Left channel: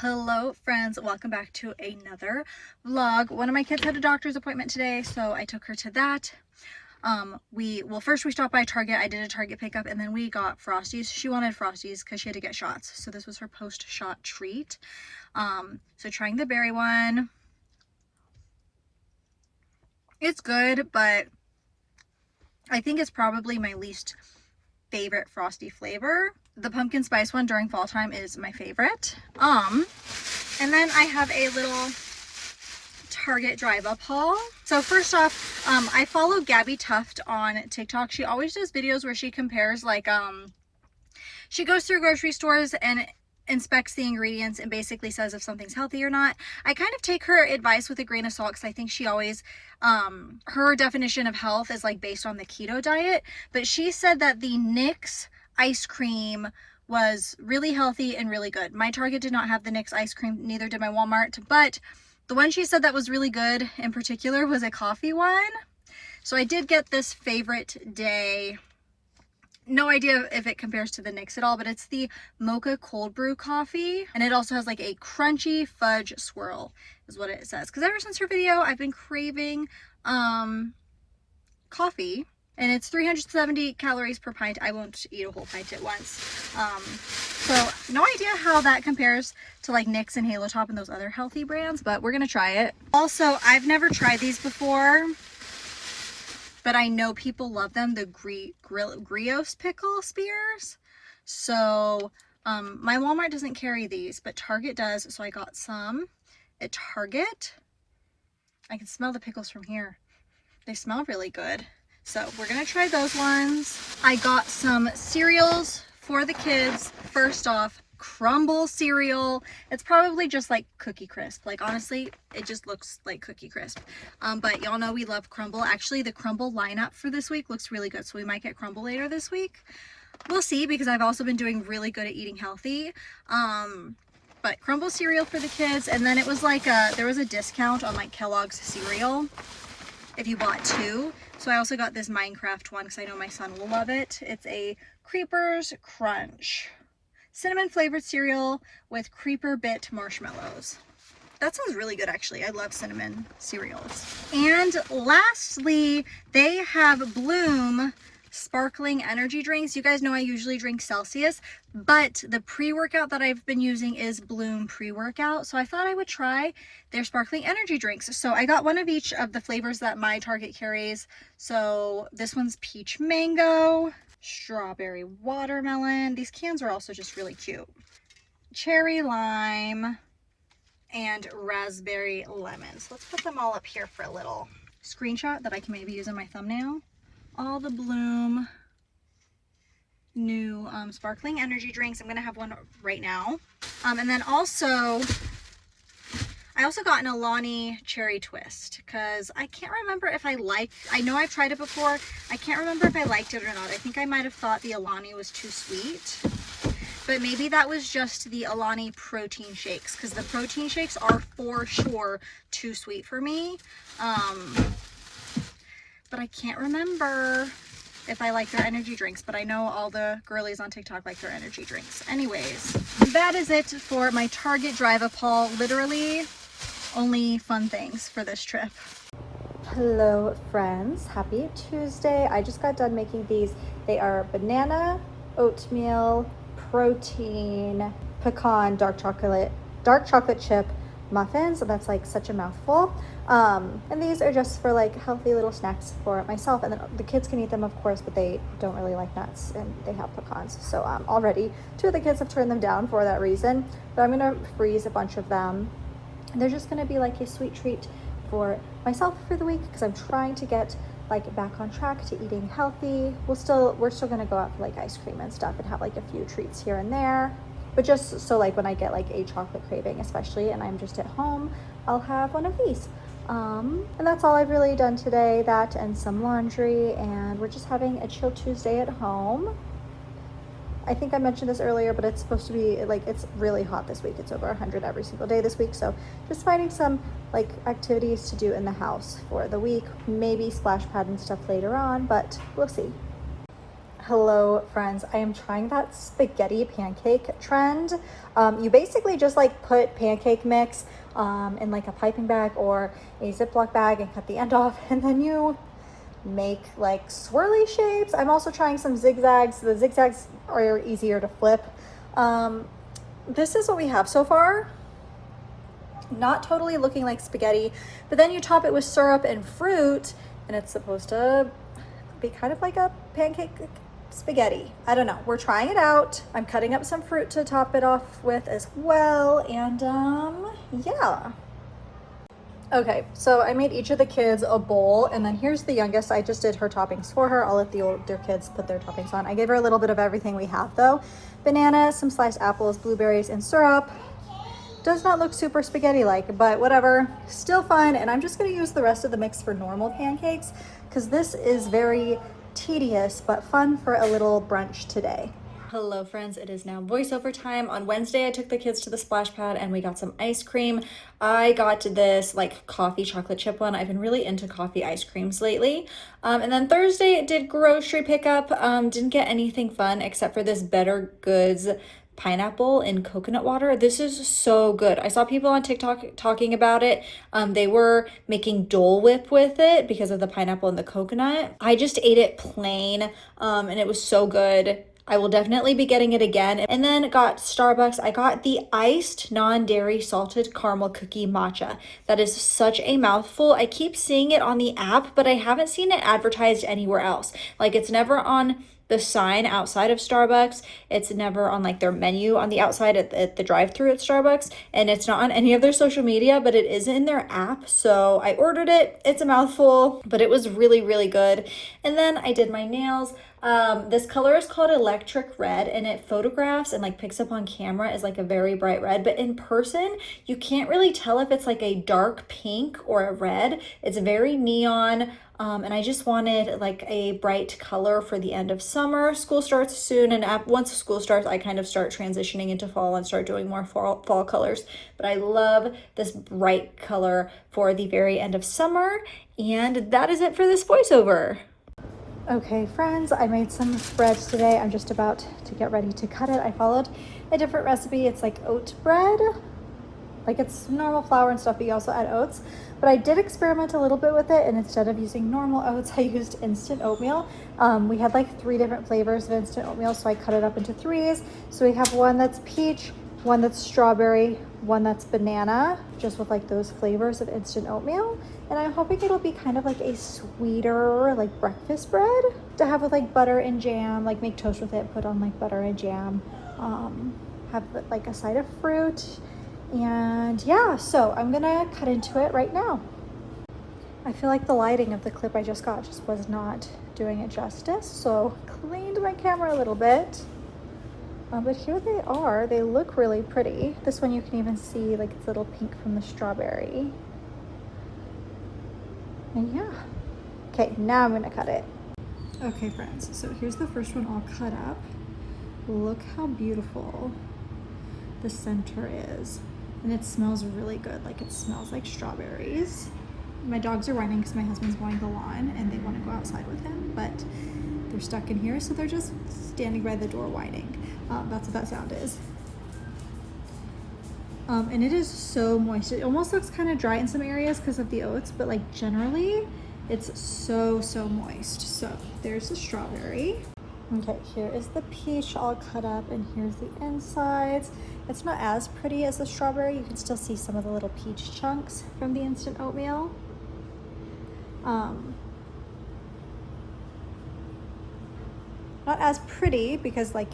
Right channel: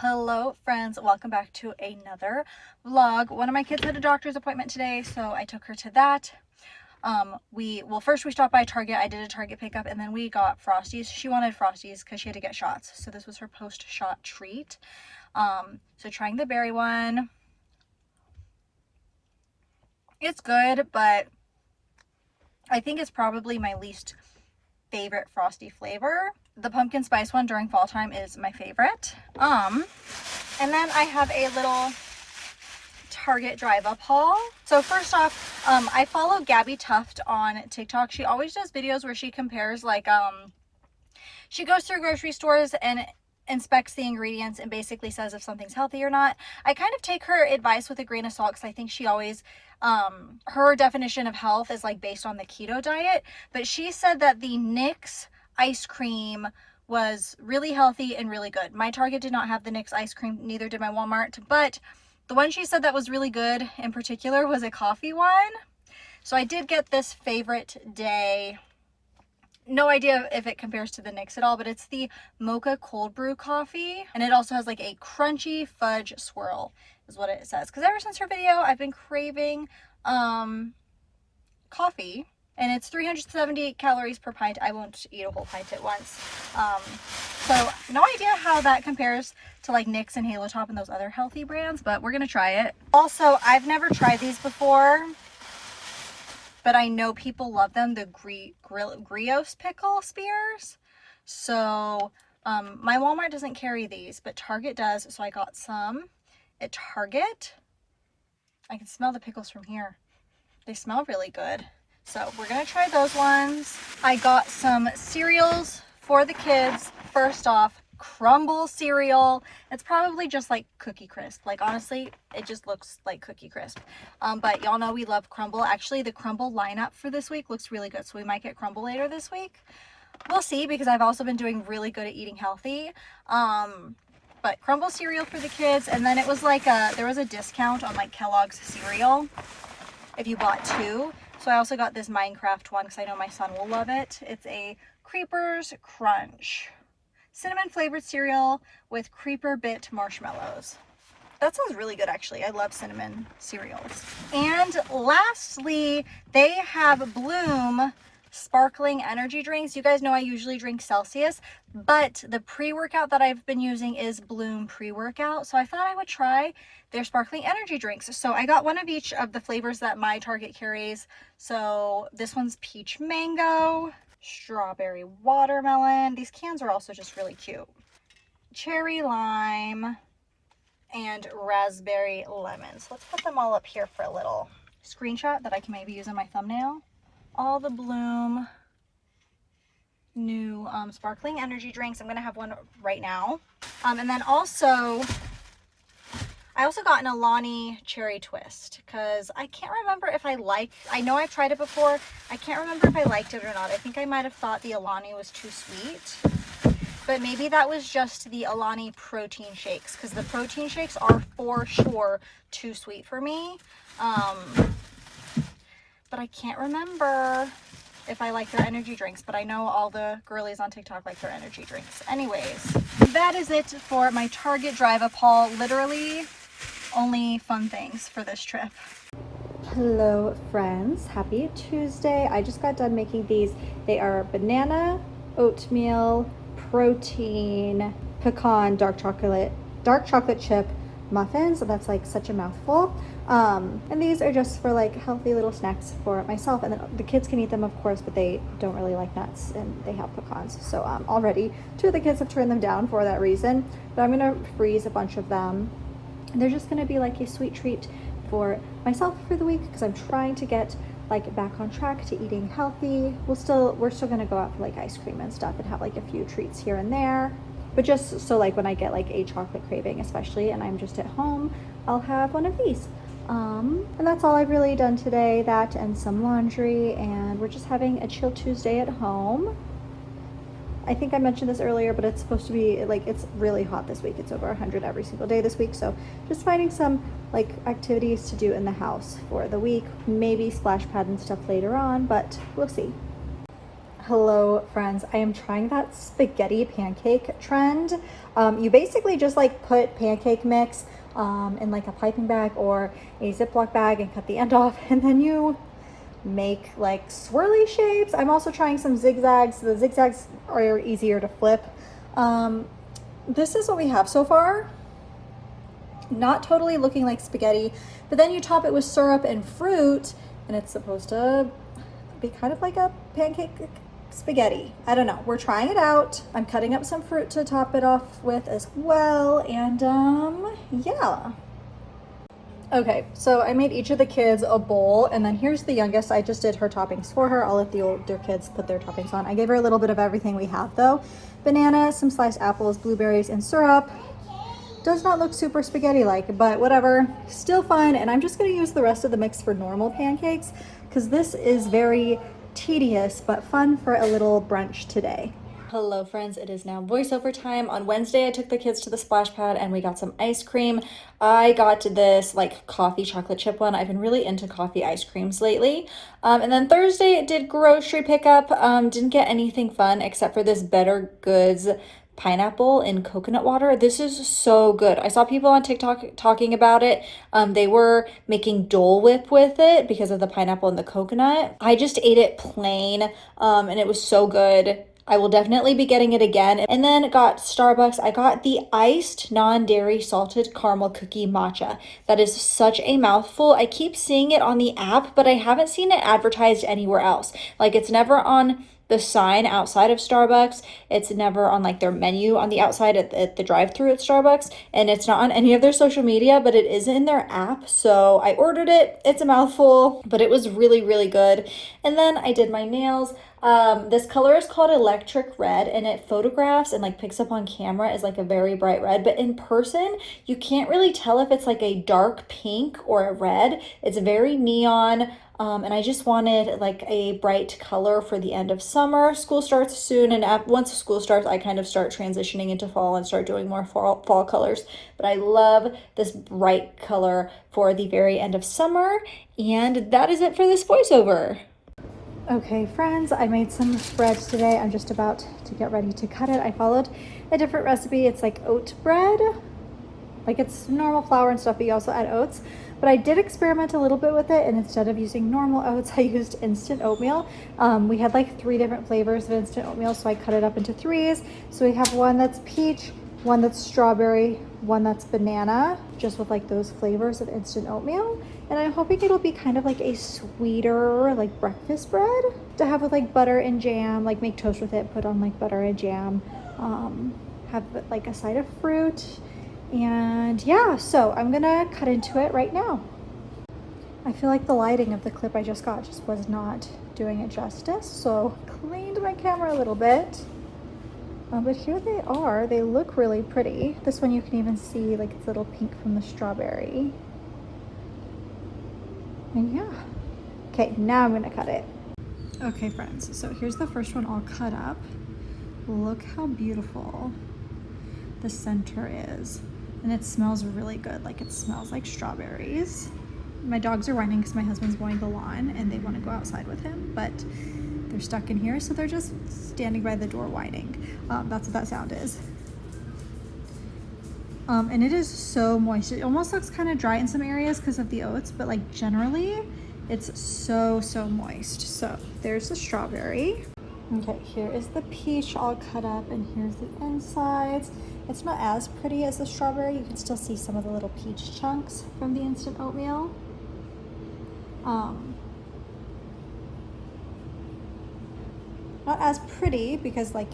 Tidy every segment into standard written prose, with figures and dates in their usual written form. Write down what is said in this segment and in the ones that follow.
Hello friends, welcome back to another vlog. One of my kids had a doctor's appointment today, so I took her to that. First we stopped by Target. I did a Target pickup, and then we got Frosties. She wanted Frosties because she had to get shots, so this was her post-shot treat. So trying the berry one. It's good, but I think it's probably my least favorite Frosty flavor. The pumpkin spice one during fall time is my favorite. And then I have a little Target drive up haul. So first off, I follow Gabby Tuft on TikTok. She always does videos where she compares, like, she goes through grocery stores and inspects the ingredients and basically says if something's healthy or not. I kind of take her advice with a grain of salt because I think she always, her definition of health is like based on the keto diet. But she said that the Nix ice cream was really healthy and really good. My Target did not have the Nix ice cream, neither did my Walmart, but the one she said that was really good in particular was a coffee one. So I did get this favorite day. No idea if it compares to the Nix at all, but it's the mocha cold brew coffee, and it also has like a crunchy fudge swirl is what it says. Because ever since her video I've been craving coffee, and it's 370 calories per pint. I won't eat a whole pint at once. So no idea how that compares to like Nix and Halo Top and those other healthy brands, but we're gonna try it. Also, I've never tried these before, but I know people love them, the Grios pickle spears. So my Walmart doesn't carry these, but Target does, so I got some at Target. I can smell the pickles from here. They smell really good. So we're gonna try those ones. I got some cereals for the kids. First off, Crumble cereal. It's probably just like Cookie Crisp. Like, honestly, it just looks like Cookie Crisp. But y'all know we love Crumble. Actually, the Crumble lineup for this week looks really good, so we might get Crumble later this week. We'll see, because I've also been doing really good at eating healthy. But Crumble cereal for the kids, and then it was like there was a discount on like Kellogg's cereal if you bought two. So I also got this Minecraft one because I know my son will love it. It's a Creepers Crunch cinnamon flavored cereal with creeper bit marshmallows. That sounds really good, actually. I love cinnamon cereals. And lastly, they have Bloom sparkling energy drinks. You guys know I usually drink Celsius, but the pre-workout that I've been using is Bloom pre-workout. So I thought I would try their sparkling energy drinks. So I got one of each of the flavors that my Target carries. So this one's peach mango, strawberry watermelon. These cans are also just really cute. Cherry lime and raspberry lemon. So let's put them all up here for a little screenshot that I can maybe use in my thumbnail. All the Bloom new sparkling energy drinks. I'm gonna have one right now. And then also I also got an Alani cherry twist because I can't remember if I know I've tried it before. I can't remember if I liked it or not. I think I might have thought the Alani was too sweet, but maybe that was just the Alani protein shakes, because the protein shakes are for sure too sweet for me. But I can't remember if I like their energy drinks, but I know all the girlies on TikTok like their energy drinks. Anyways, that is it for my Target drive up haul. Literally only fun things for this trip. Hello friends, happy Tuesday. I just got done making these. They are banana, oatmeal, protein, pecan, dark chocolate chip muffins. So that's like such a mouthful. And these are just for like healthy little snacks for myself, and the kids can eat them of course, but they don't really like nuts and they have pecans. So already two of the kids have turned them down for that reason, but I'm gonna freeze a bunch of them. And they're just gonna be like a sweet treat for myself for the week, because I'm trying to get like back on track to eating healthy. We're still gonna go out for like ice cream and stuff and have like a few treats here and there, but just so like when I get like a chocolate craving especially and I'm just at home, I'll have one of these. And that's all I've really done today, that and some laundry, and we're just having a chill Tuesday at home. I think I mentioned this earlier, but it's supposed to be like, it's really hot this week. It's over 100 every single day this week. So just finding some like activities to do in the house for the week, maybe splash pad and stuff later on, but we'll see. Hello friends, I am trying that spaghetti pancake trend. You basically just like put pancake mix in like a piping bag or a Ziploc bag and cut the end off, and then you make like swirly shapes. I'm also trying some zigzags. The zigzags are easier to flip. This is what we have so far. Not totally looking like spaghetti, but then you top it with syrup and fruit and it's supposed to be kind of like a pancake spaghetti. I don't know, we're trying it out. I'm cutting up some fruit to top it off with as well, and yeah. Okay, so I made each of the kids a bowl, and then here's the youngest. I just did her toppings for her. I'll let the older kids put their toppings on. I gave her a little bit of everything we have though. Banana, some sliced apples, blueberries, and syrup. Does not look super spaghetti-like, but whatever, still fine. And I'm just gonna use the rest of the mix for normal pancakes because this is very tedious but fun for a little brunch today. Hello friends, it is now voiceover time. On Wednesday, I took the kids to the splash pad and we got some ice cream. I got this like coffee chocolate chip one. I've been really into coffee ice creams lately. And then Thursday, did grocery pickup. Didn't get anything fun except for this Better Goods pineapple in coconut water. This is so good. I saw people on TikTok talking about it. They were making Dole Whip with it because of the pineapple and the coconut. I just ate it plain and it was so good. I will definitely be getting it again. And then got Starbucks. I got the iced non-dairy salted caramel cookie matcha. That is such a mouthful. I keep seeing it on the app, but I haven't seen it advertised anywhere else. Like it's never on the sign outside of Starbucks. It's never on like their menu on the outside at the drive-thru at Starbucks, and it's not on any of their social media, but it is in their app. So I ordered it. It's a mouthful, but it was really, really good. And then I did my nails. This color is called Electric Red, and it photographs and like picks up on camera as like a very bright red, but in person you can't really tell if it's like a dark pink or a red. It's very neon. And I just wanted like a bright color for the end of summer. School starts soon, and once school starts, I kind of start transitioning into fall and start doing more fall colors. But I love this bright color for the very end of summer, and that is it for this voiceover. Okay friends, I made some bread today. I'm just about to get ready to cut it. I followed a different recipe. It's like oat bread. Like it's normal flour and stuff, but you also add oats. But I did experiment a little bit with it, and instead of using normal oats, I used instant oatmeal. We had like 3 different flavors of instant oatmeal, so I cut it up into 3s. So we have one that's peach, one that's strawberry, one that's banana, just with like those flavors of instant oatmeal. And I'm hoping it'll be kind of like a sweeter like breakfast bread to have with like butter and jam, like make toast with it, put on like butter and jam, have like a side of fruit. And yeah, so I'm gonna cut into it right now. I feel like the lighting of the clip I just got just was not doing it justice, so cleaned my camera a little bit. But here they are. They look really pretty. This one you can even see like it's a little pink from the strawberry. And yeah. Okay, now I'm gonna cut it. Okay friends, so here's the first one all cut up. Look how beautiful the center is. And it smells really good. Like it smells like strawberries. My dogs are whining because my husband's mowing the lawn and they want to go outside with him, but they're stuck in here, so they're just standing by the door whining. That's what that sound is. And it is so moist. It almost looks kind of dry in some areas because of the oats, but like generally it's so moist. So there's the strawberry. Okay, here is the peach all cut up, and here's the insides. It's not as pretty as the strawberry. You can still see some of the little peach chunks from the instant oatmeal. Not as pretty because like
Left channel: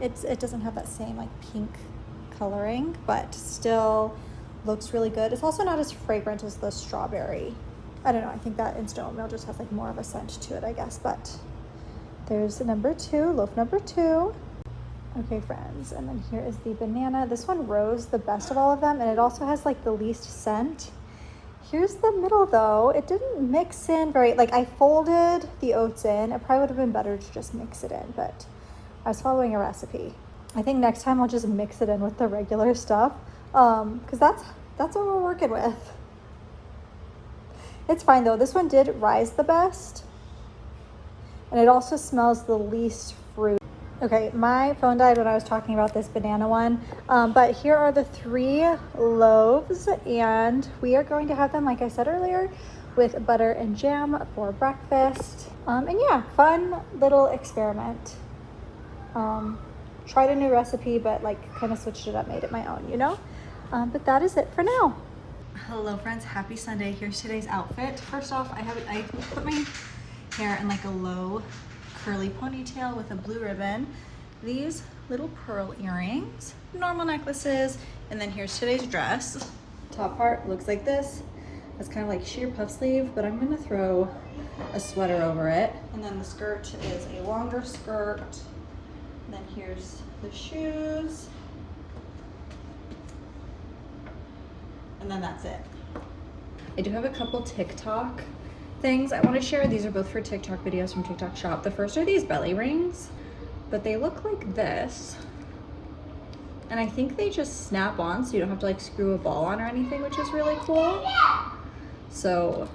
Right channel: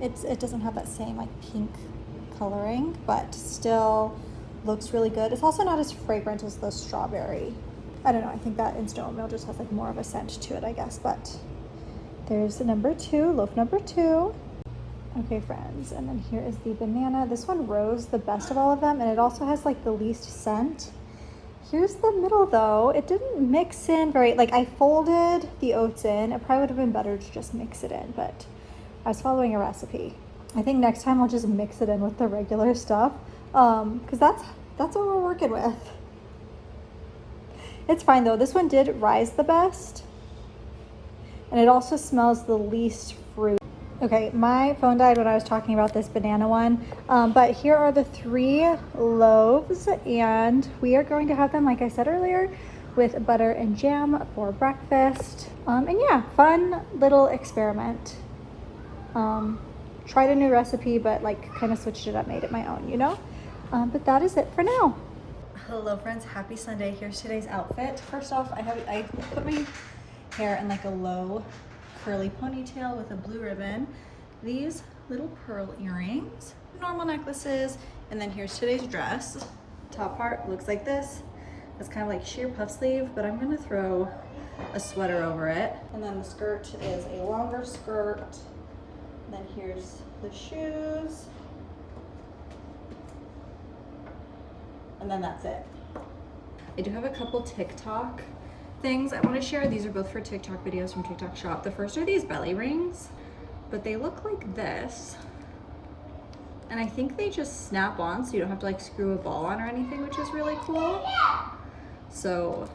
it doesn't have that same like pink coloring, but still looks really good. It's also not as fragrant as the strawberry. I don't know, I think that instant oatmeal just has like more of a scent to it, I guess, but there's number 2, loaf number 2. Okay friends, and then here is the banana. This one rose the best of all of them, and it also has like the least scent. Here's the middle though. It didn't mix in very, like I folded the oats in. It probably would have been better to just mix it in, but I was following a recipe. I think next time we'll just mix it in with the regular stuff, because that's what we're working with. It's fine though. This one did rise the best. And it also smells the least fruit. Okay, my phone died when I was talking about this banana one, but here are the 3 loaves, and we are going to have them, like I said earlier, with butter and jam for breakfast. And yeah, fun little experiment. Tried a new recipe, but like kind of switched it up, made it my own, you know? But that is it for now. Hello friends, happy Sunday. Here's today's outfit. First off, I put my hair in like a low curly ponytail with a blue ribbon, these little pearl earrings, normal necklaces, and then here's today's dress. Top part looks like this. It's kind of like sheer puff sleeve, but I'm gonna throw a sweater over it. And then the skirt is a longer skirt. And then here's the shoes. And then that's it. I do have a couple TikTok things I want to share. These are both for TikTok videos from TikTok Shop. The first are these belly rings, but they look like this. And I think they just snap on, so you don't have to like screw a ball on or anything, which is really cool. So,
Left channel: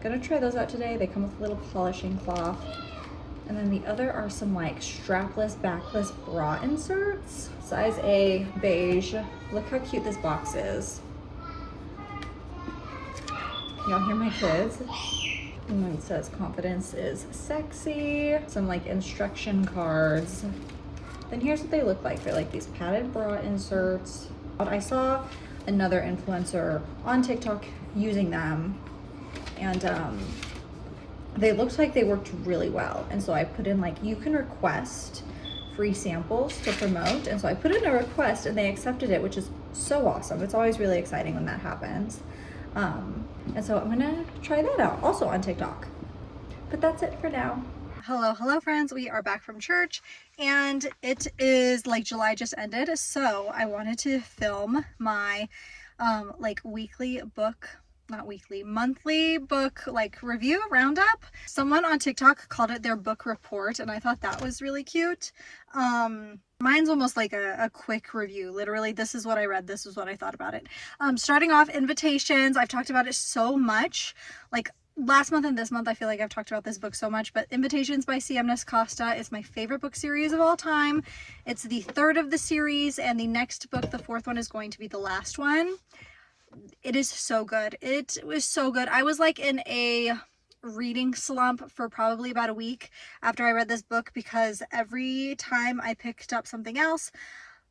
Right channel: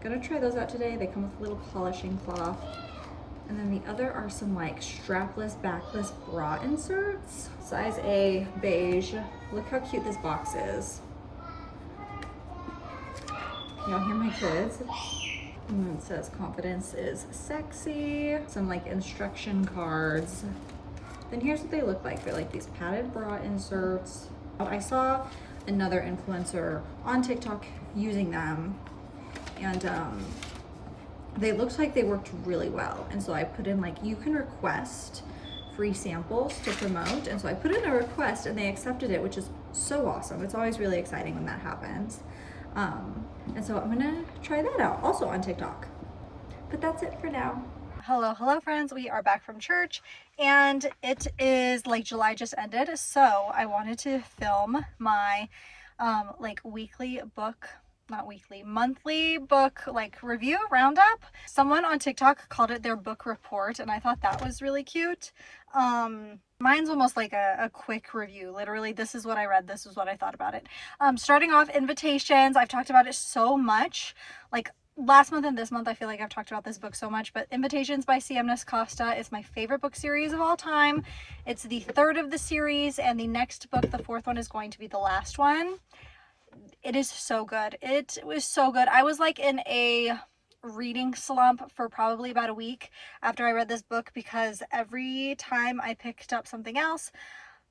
gonna try those out today. They come with a little polishing cloth. And then the other are some like strapless, backless bra inserts. Size A, beige. Look how cute this box is. Y'all hear my kids? And then it says confidence is sexy. Some like instruction cards. Then here's what they look like. They're like these padded bra inserts. I saw another influencer on TikTok using them, and they looked like they worked really well. And so I put in like, you can request free samples to promote. And so I put in a request and they accepted it, which is so awesome. It's always really exciting when that happens. And so I'm gonna try that out also on TikTok. But that's it for now. Hello friends, we are back from church and it is like July just ended, so I wanted to film my like monthly book like review roundup. Someone on TikTok called it their book report, and I thought that was really cute. Mine's almost like a quick review. Literally, this is what I read, this is what I thought about it. Starting off, Invitations. I've talked about it so much, like last month and this month. I feel like I've talked about this book so much, but Invitations by C.M. Costa is my favorite book series of all time. It's the 3rd of the series, and the next book, the 4th one, is going to be the last one. It is so good. It was so good. I was like in a reading slump for probably about a week after I read this book, because every time I picked up something else,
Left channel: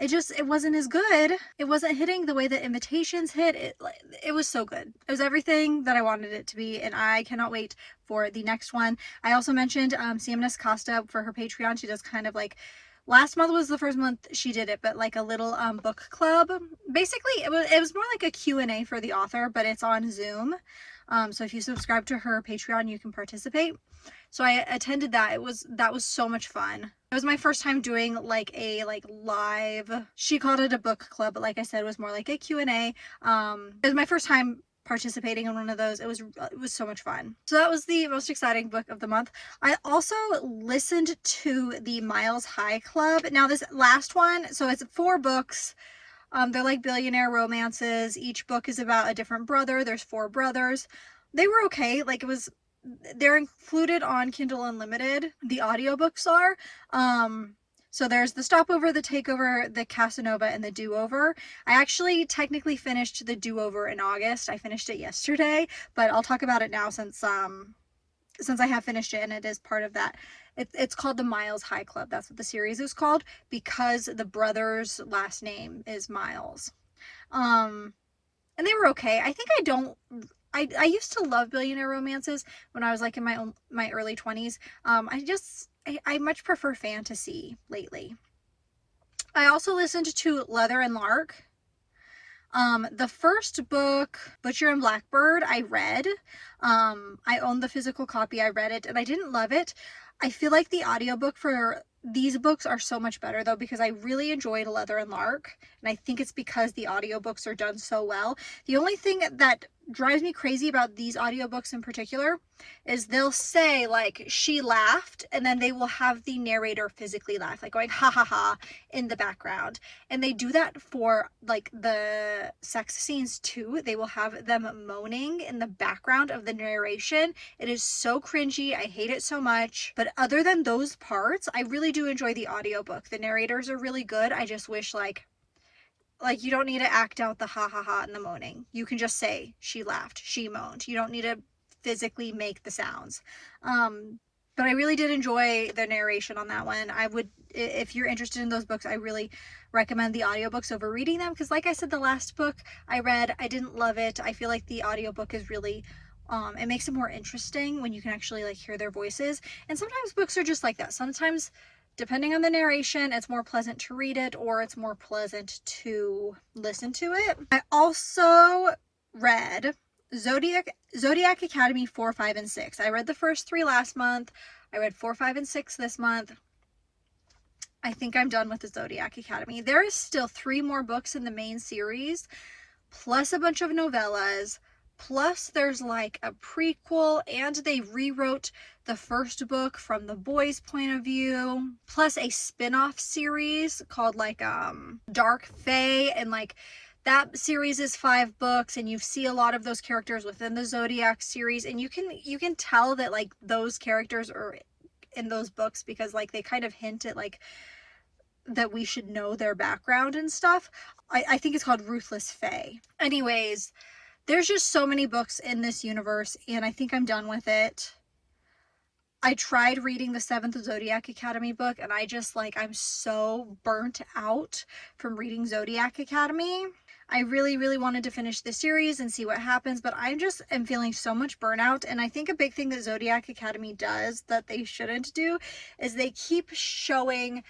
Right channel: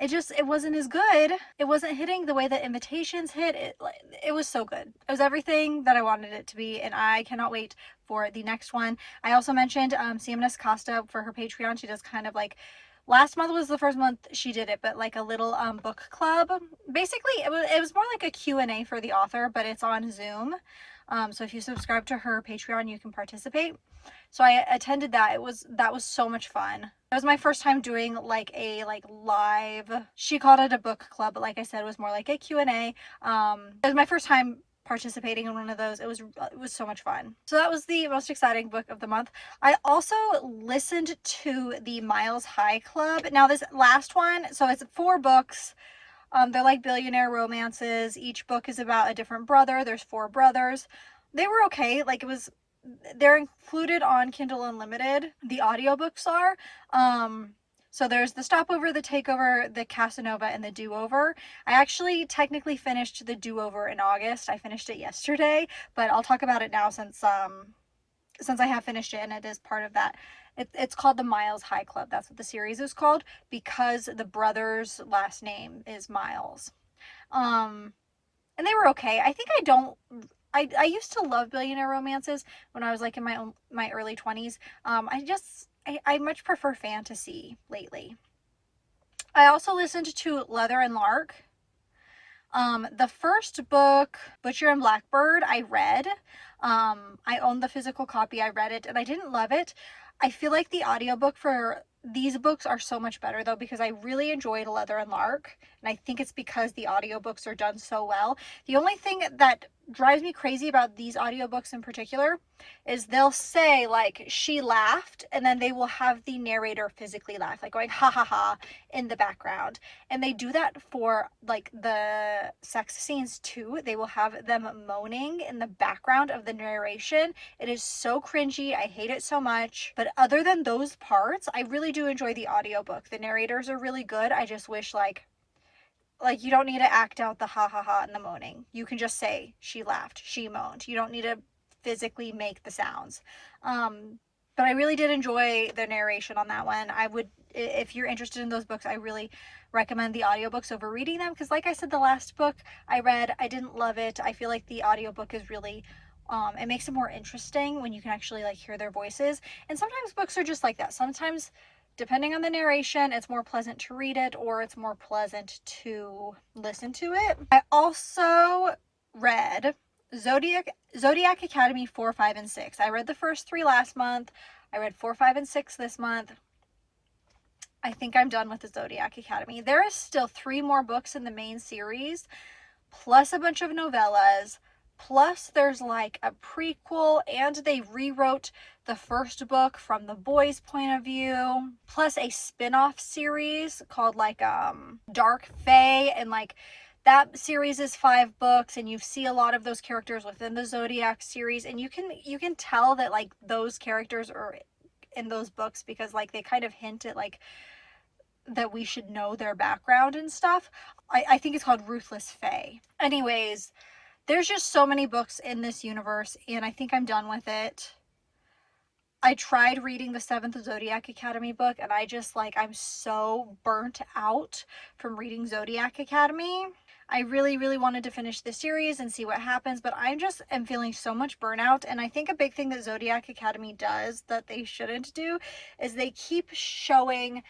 it wasn't as good. It wasn't hitting the way that Invitations hit. It was so good. It was everything that I wanted it to be, and I cannot wait for the next one. I also mentioned C.M. Costa for her Patreon. She does kind of like, last month was the first month she did it, but like a little book club. Basically, it was more like a Q&A for the author, but it's on Zoom. So if you subscribe to her Patreon, you can participate. So I attended that. That was so much fun. It was my first time doing like a live, she called it a book club, but like I said, it was more like a Q&A. It was my first time participating in one of those. It was so much fun. So that was the most exciting book of the month. I also listened to the Miles High Club. Now this last one, so it's 4 books. They're like billionaire romances. Each book is about a different brother. There's 4 brothers. They were okay. Like they're included on Kindle Unlimited. The audiobooks are. So there's the Stopover, the Takeover, the Casanova, and the Do-Over. I actually technically finished the Do-Over in August. I finished it yesterday, but I'll talk about it now since I have finished it and it is part of that. It's called the Miles High Club. That's what the series is called, because the brother's last name is Miles. And they were okay. I think I used to love billionaire romances when I was like in my early 20s. I much prefer fantasy lately. I also listened to Leather and Lark. The first book, Butcher and Blackbird, I read. I owned the physical copy. I read it and I didn't love it. I feel like the audiobook for these books are so much better though, because I really enjoyed Leather and Lark, and I think it's because the audiobooks are done so well. The only thing that drives me crazy about these audiobooks in particular is they'll say like she laughed, and then they will have the narrator physically laugh, like going ha ha ha in the background. And they do that for like the sex scenes too. They will have them moaning in the background of the narration. It is so cringy. I hate it so much. But other than those parts, I really do enjoy the audiobook. The narrators are really good. I just wish like you don't need to act out the ha ha ha and the moaning. You can just say she laughed, she moaned. You don't need to physically make the sounds. But I really did enjoy the narration on that one. I would, if you're interested in those books, I really recommend the audiobooks over reading them, because like I said, the last book I read, I didn't love it. I feel like the audiobook is really it makes it more interesting when you can actually like hear their voices. And sometimes books are just like that. Sometimes, depending on the narration, it's more pleasant to read it or it's more pleasant to listen to it. I also read Zodiac Academy 4, 5, and 6. I read the first 3 last month. I read 4, 5, and 6 this month. I think I'm done with the Zodiac Academy. There is still 3 more books in the main series, plus a bunch of novellas, plus there's like a prequel, and they rewrote the first book from the boys' point of view, plus a spin-off series called like Dark Fae, and like that series is 5 books, and you see a lot of those characters within the Zodiac series, and you can tell that like those characters are in those books because like they kind of hint at like that we should know their background and stuff. I think it's called Ruthless Fae. Anyways, there's just so many books in this universe, and I think I'm done with it. I tried reading the 7th Zodiac Academy book, and I just like, I'm so burnt out from reading Zodiac Academy. I really, really wanted to finish the series and see what happens, but I just am feeling so much burnout. And I think a big thing that Zodiac Academy does that they shouldn't do is they keep showing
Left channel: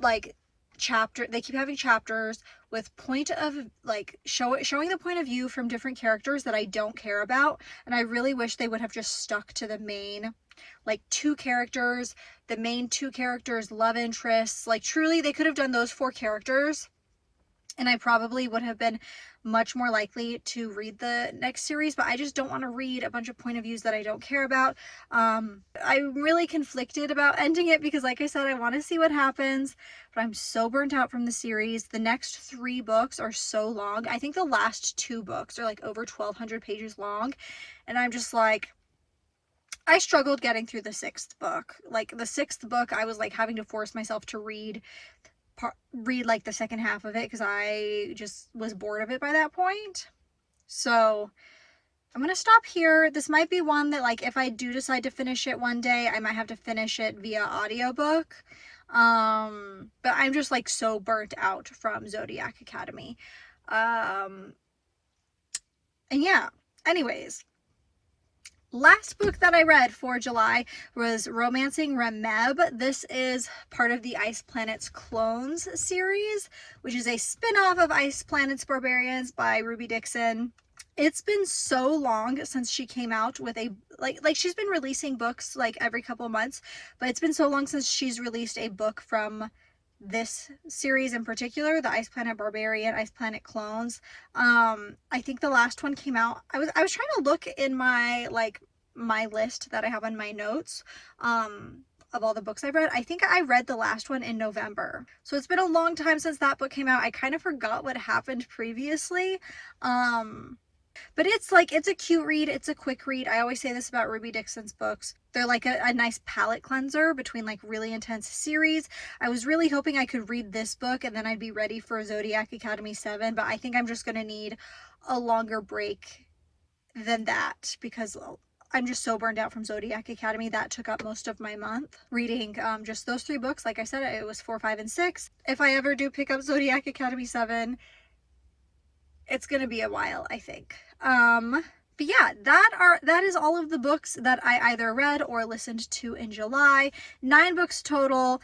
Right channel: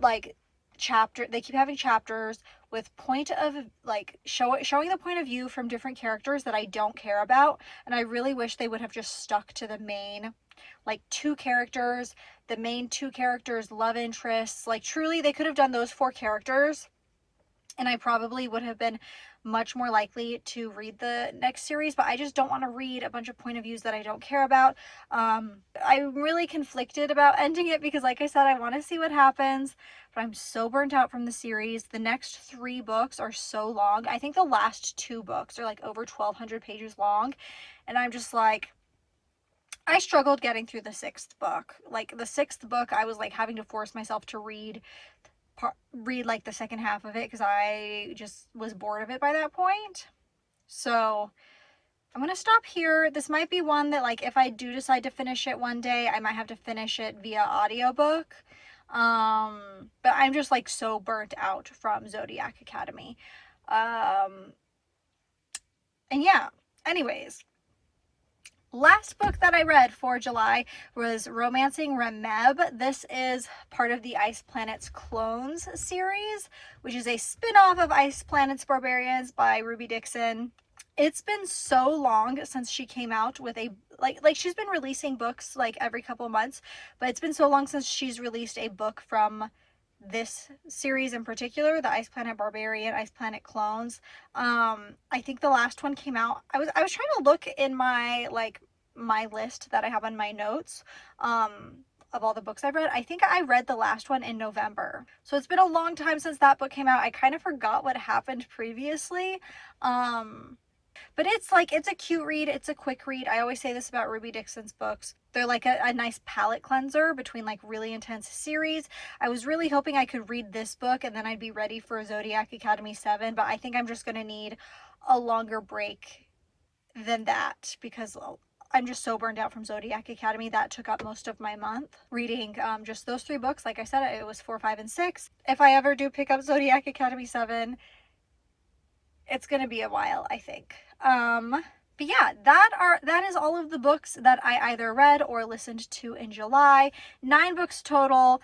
like they keep having chapters with point of like showing the point of view from different characters that I don't care about. And I really wish they would have just stuck to the main like 2 characters, the main 2 characters, love interests. Like truly they could have done those 4 characters, and I probably would have been much more likely to read the next series. But I just don't want to read a bunch of point of views that I don't care about. I'm really conflicted about ending it because like I said, I want to see what happens, but I'm so burnt out from the series. The next 3 books are so long. I think the last 2 books are like over 1,200 pages long, and I'm just like, I struggled getting through the 6th book. Like the 6th book, I was like having to force myself to read like the second half of it because I just was bored of it by that point. So I'm gonna stop here. This might be one that like if I do decide to finish it one day, I might have to finish it via audiobook. But I'm just like so burnt out from Zodiac Academy. And yeah, anyways, last book that I read for July was Romancing Remeb. This is part of the Ice Planet's Clones series, which is a spin-off of Ice Planet's Barbarians by Ruby Dixon. It's been so long since she came out with a like she's been releasing books like every couple months, but it's been so long since she's released a book from this series in particular, the Ice Planet Barbarian, Ice Planet Clones. I think the last one came out, I was trying to look in my my list that I have on my notes of all the books I've read. I think I read the last one in November, so it's been a long time since that book came out. I kind of forgot what happened previously. But it's like, it's a cute read, it's a quick read. I always say this about Ruby Dixon's books. They're like a nice palate cleanser between like really intense series. I was really hoping I could read this book and then I'd be ready for Zodiac Academy 7, but I think I'm just gonna need a longer break than that because I'm just so burned out from Zodiac Academy. That took up most of my month reading just those 3 books. Like I said, it was 4, 5, and 6. If I ever do pick up Zodiac Academy 7, it's gonna be a while, I think. But yeah, that is all of the books that I either read or listened to in July. 9 books total,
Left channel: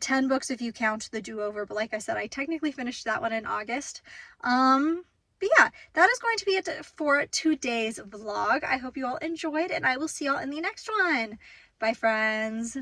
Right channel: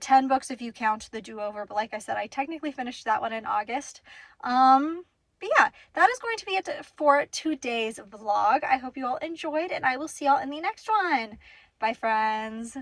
10 books if you count the do-over, but like I said, I technically finished that one in August. But yeah, that is going to be it for today's vlog. I hope you all enjoyed, and I will see y'all in the next one. Bye, friends.